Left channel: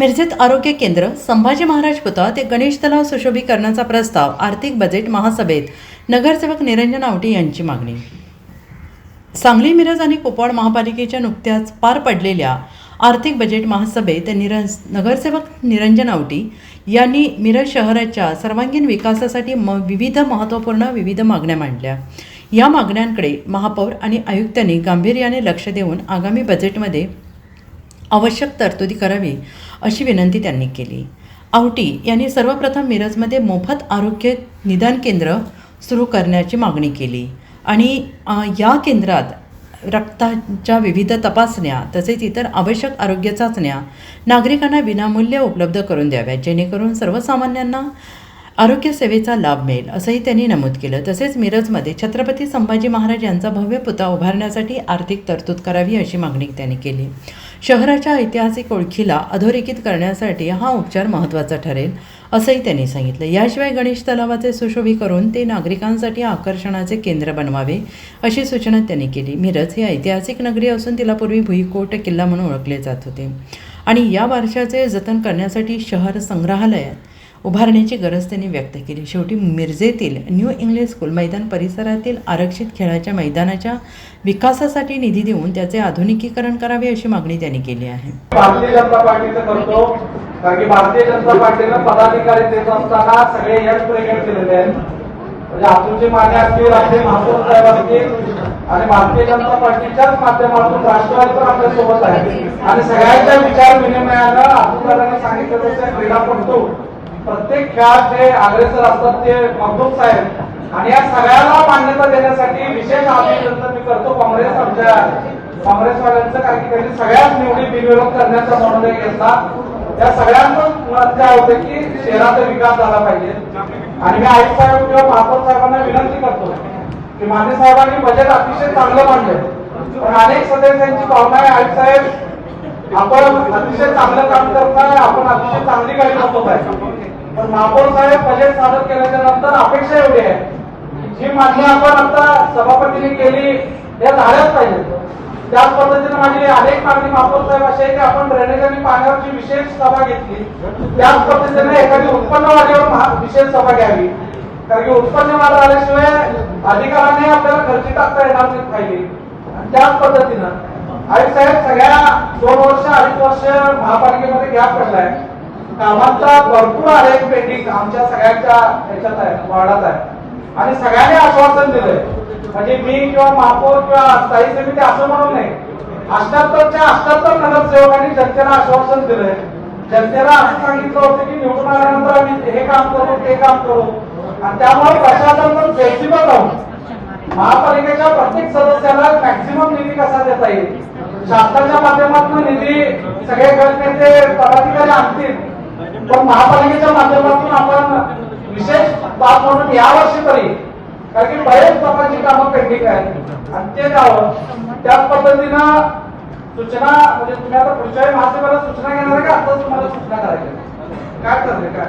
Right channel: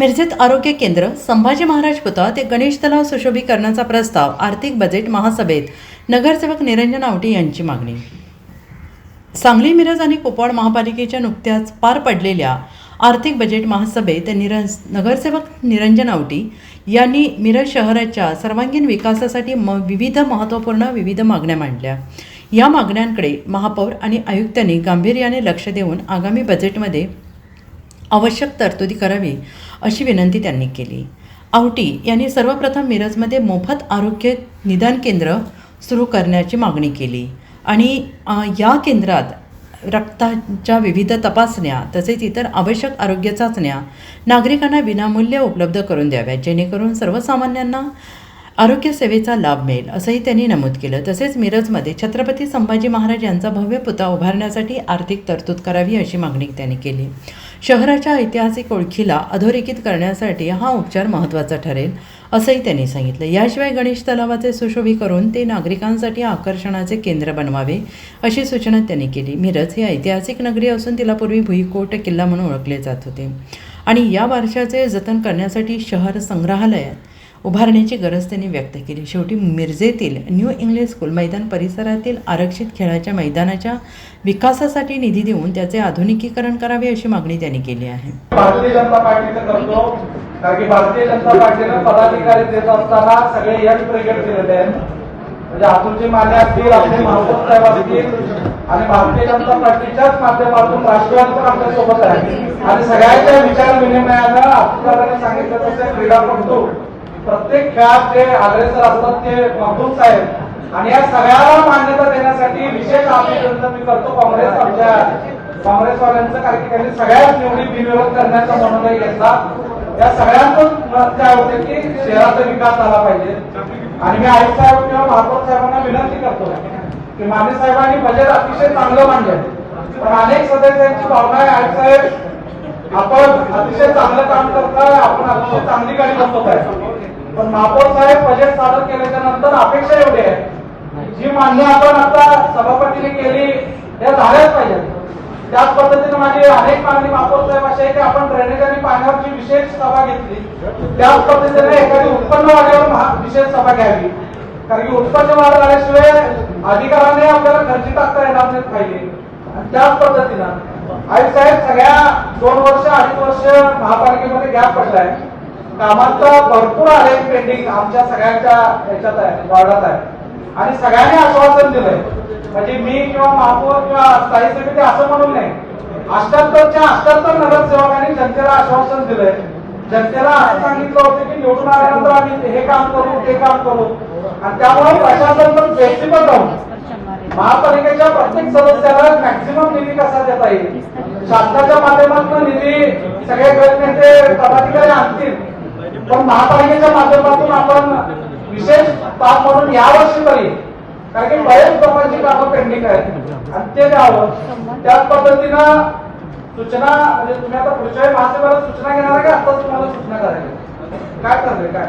मिरजेत आरोग्य केंद्र, संभाजी महाराज पुतळा ते गणेश तलाव सुशोभीकरणाचा प्रस्ताव आर्थिक बजेट महासभेत नगरसेवक निरंजन आवटी यांची मागणी. सांगली, मिरज आणि कुपवाड महापालिकेच्या नुकत्याच पार पडलेल्या आर्थिक बजेट महासभेत नगरसेवक निरंजन आवटी यांनी मिरज शहराच्या सर्वांगीण विकासासाठी विविध महत्त्वपूर्ण मागण्या मांडल्या. या मागण्यांकडे महापौर आणि आयुक्तांनी गांभीर्याने लक्ष देऊन आगामी बजेटमध्ये आवश्यक तरतुदी करावी अशी विनंती त्यांनी केली. आवटी यांनी सर्वप्रथम मिरजमध्ये मोफत आरोग्य निदान केंद्र सुरू करण्याची मागणी केली आणि या केंद्रात रक्ताच्या विविध तपासण्या तसेच इतर आवश्यक आरोग्य चाचण्या नागरिकांना विनामूल्य उपलब्ध करून द्याव्या, जेणेकरून सर्वसामान्यांना आरोग्य सेवेचा लाभ मिळेल असंही त्यांनी नमूद केलं. तसेच मिरजमध्ये छत्रपती संभाजी महाराज यांचा भव्य पुतळा उभारण्यासाठी आर्थिक तरतूद करावी अशी मागणी त्यांनी केली. शहराच्या ऐतिहासिक ओळखीला अधोरेखित करण्यासाठी हा उपचार महत्त्वाचा ठरेल असंही त्यांनी सांगितलं. याशिवाय गणेश तलावाचे सुशोभीकरण ते नागरिकांसाठी आकर्षणाचे केंद्र बनवावे अशी सूचना त्यांनी केली. मिरज ही ऐतिहासिक नगरी असून तिला पूर्वी भुईकोट किल्ला म्हणून ओळखले जात होते आणि या वारशाचे जतन करण्यासाठी शहर संग्रहालय उभारण्याची गरज त्यांनी व्यक्त केली. शेवटी मिरजेतील न्यू इंग्लिश स्कूल मैदान परिसरातील आरक्षित खेळाच्या मैदानाच्या विकासासाठी निधी देऊन त्याचे आधुनिकीकरण करावे अशी मागणी त्यांनी केली आहे. भारतीय जनता पार्टीचं करतो कारण की भारतीय जनता पार्टीनं पदाधिकारी देत असताना सगळे यश प्रेरित केलेले आहेत. म्हणजे अतुलचे माने असतील, आपले महापौर साहेब असतील आणि भारतीय जनता पार्टीच्याच माध्यमातून राष्ट्रवादी पण आपल्या सोबत आहे आणि सगळ्यांच्या विचार विनिमयानं अतुलदारांनी सांगितलं तसं क्रीडापटू प्रत्येक खेळात जे अग्रेसर असतात ते महबूब साहेब आणि या सगळ्याला मान्यता देण्यासाठी विशेष अभिनंदन मी करतो काँग्रेसवाल्यांचं, कारण की त्यांनी सगळ्याच निवडी बिनविरोध करण्याचा निर्णय घेतला. त्या सगळ्यांचं मत होते की शहराचा विकास झाला पाहिजे आणि मी आयुक्त साहेब किंवा महापौर साहेबांना विनंती करतो की माने साहेबांनी बजेट अतिशय चांगलं मांडलं, पण अनेक सदस्यांची भावना आहे आयुक्त साहेब आपण अतिशय चांगलं काम करताय, आपण अतिशय चांगली गाडी बसवत आहे, पण महापौर साहेब बजेट सादर केल्याच्या नंतर अपेक्षा एवढी आहे जी मान्य आपण आता सभापतीने केली त्या झाल्याच पाहिजे. त्याच पद्धतीने माझी अनेक मागणी महापौर साहेब अशी आहे की आपण ड्रेनेज आणि पाण्यावरची विशेष सभा घेतली, त्याच पद्धतीने एखादी उत्पन्न वाढीवर विशेष सभा घ्यावी, कारण की उत्पन्न वाढ झाल्याशिवाय अधिकाराने आपल्याला खर्ची टाकता येणार नाही पाहिजे. त्याच पद्धतीनं आयुक्त साहेब सगळ्या 2 वर्ष 2.5 वर्ष महापालिकेमध्ये गॅप पडलाय, कामाचा भरपूर आहे पेंडिंग आमच्या सगळ्यांच्या ह्याच्यात आहे, वार्डात आहे आणि सगळ्यांनी आश्वासन दिलंय. म्हणजे मी किंवा महापौर किंवा स्थायी समिती असं म्हणून नाही, 78च्या 78 नगरसेवकांनी जनतेला आश्वासन दिलंय. जनतेला असं सांगितलं होतं की निवडून आल्यानंतर आम्ही हे काम करू ते काम करू आणि त्यामुळे प्रशासन पण फ्लेक्सिबल राहून महापालिकेच्या प्रत्येक सदस्याला मॅक्सिमम निधी कसा देता येईल, शासनाच्या माध्यमातून निधी सगळे गटनेते पदाधिकारी आणतील, पण महापालिकेच्या माध्यमातून आपण विशेष बाब म्हणून यावर्षी तरी, कारण की बरेच लोकांची कामं पेंडिंग आहेत आणि ते द्यावं. त्याच पद्धतीनं सूचना म्हणजे तुम्ही आता पुढच्या महासभेला सूचना घेणार आहे का आताच तुम्हाला सूचना करायची काय करते काय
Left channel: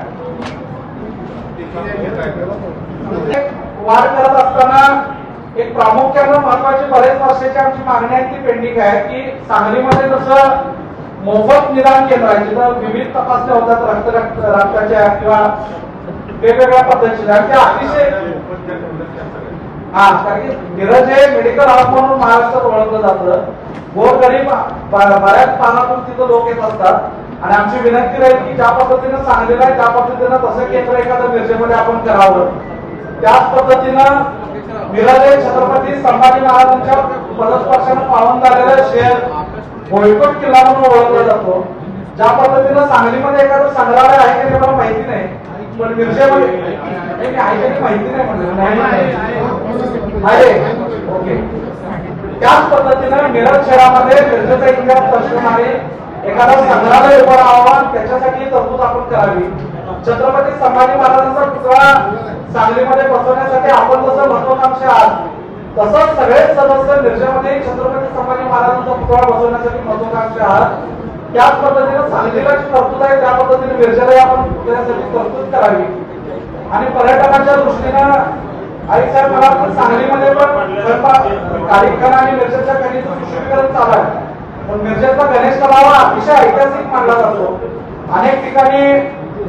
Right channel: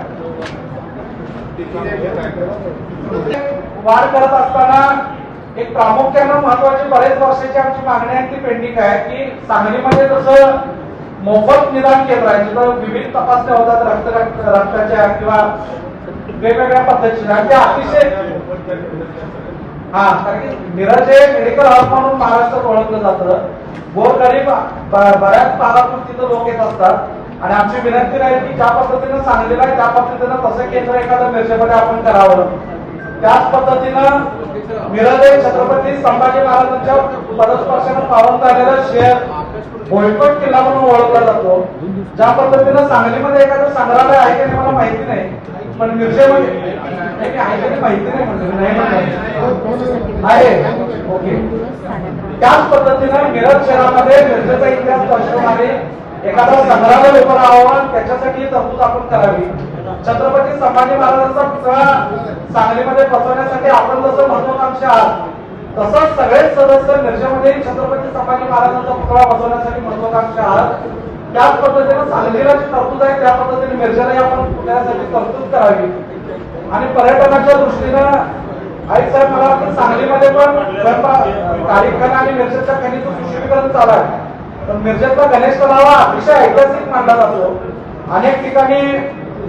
वाढ करत असताना एक प्रामुख्यानं महत्वाची बरेच वर्षाची आमची मागणी आहे ती पेंडिंग आहे की सांगलीमध्ये जसं मोफत निदान केंद्र आहे जिथं विविध तपासण्या होतात रक्ताच्या किंवा वेगवेगळ्या पद्धतीच्या ते अतिशय कारण की मिरज हे मेडिकल हाऊस म्हणून महाराष्ट्रात ओळखलं जातं. गोरगरीब बऱ्याच भागातून तिथं लोक येत असतात आणि आमची विनंती राहील की ज्या पद्धतीनं सांगलेलं आहे त्या पद्धतीनं तसं केंद्र एखादं मिरजेमध्ये आपण करावं. त्याच पद्धतीनं मिरज हे छत्रपती संभाजी महाराजांच्या पदस्पर्शानं पावन झालेलं शहर भुईकोट किल्ला म्हणून ओळखला जातो. ज्या पद्धतीनं सांगलीमध्ये एखादं संग्रहालय आहे ते मला माहिती नाही, पण मिरजेमध्ये माहिती नाही आहे. ओके, त्याच पद्धतीनं मिरज शहरामध्ये मिरजेचा इतिहास दर्शवणारे एखादा संग्रहालय उभं राहावं त्याच्यासाठी तरतूद आपण करावी. छत्रपती संभाजी महाराजांचा पुतळा सांगलीमध्ये बसवण्यासाठी आपण जसं महत्वाकांक्षी आहात तसंच सगळेच सदस्य मिरजेमध्ये छत्रपती संभाजी महाराजांचा पुतळा बसवण्यासाठी महत्वाकांक्षी आहात. त्याच पद्धतीनं सांगलीला जी तरतूद आहे त्या पद्धतीने मिरजेला आपण त्यासाठी तरतूद करावी आणि पर्यटकांच्या दृष्टीनं आई साहेब मला वाटतं सांगलीमध्ये पण कार्यक्रम आणि मिरजेच्या गणेश सुशोभीकरण चालू आहे, पण मिरजेचा गणेश तलाव अतिशय ऐतिहासिक मानला जातो अनेक ठिकाणी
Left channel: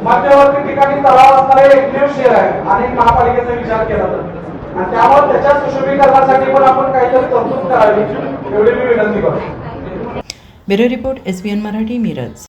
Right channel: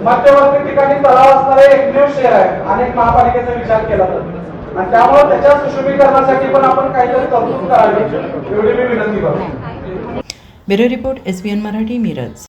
मध्यवर्ती ठिकाणी तलाव असणारे एकमेव शहर आहे अनेक महापालिकेचा विचार केला तर, आणि त्यामुळे त्याच्या सुशोभीकरणासाठी पण आपण काहीतरी तरतूद करावी एवढी मी विनंती करतो. Bureau report SBN Marathi, Miraj.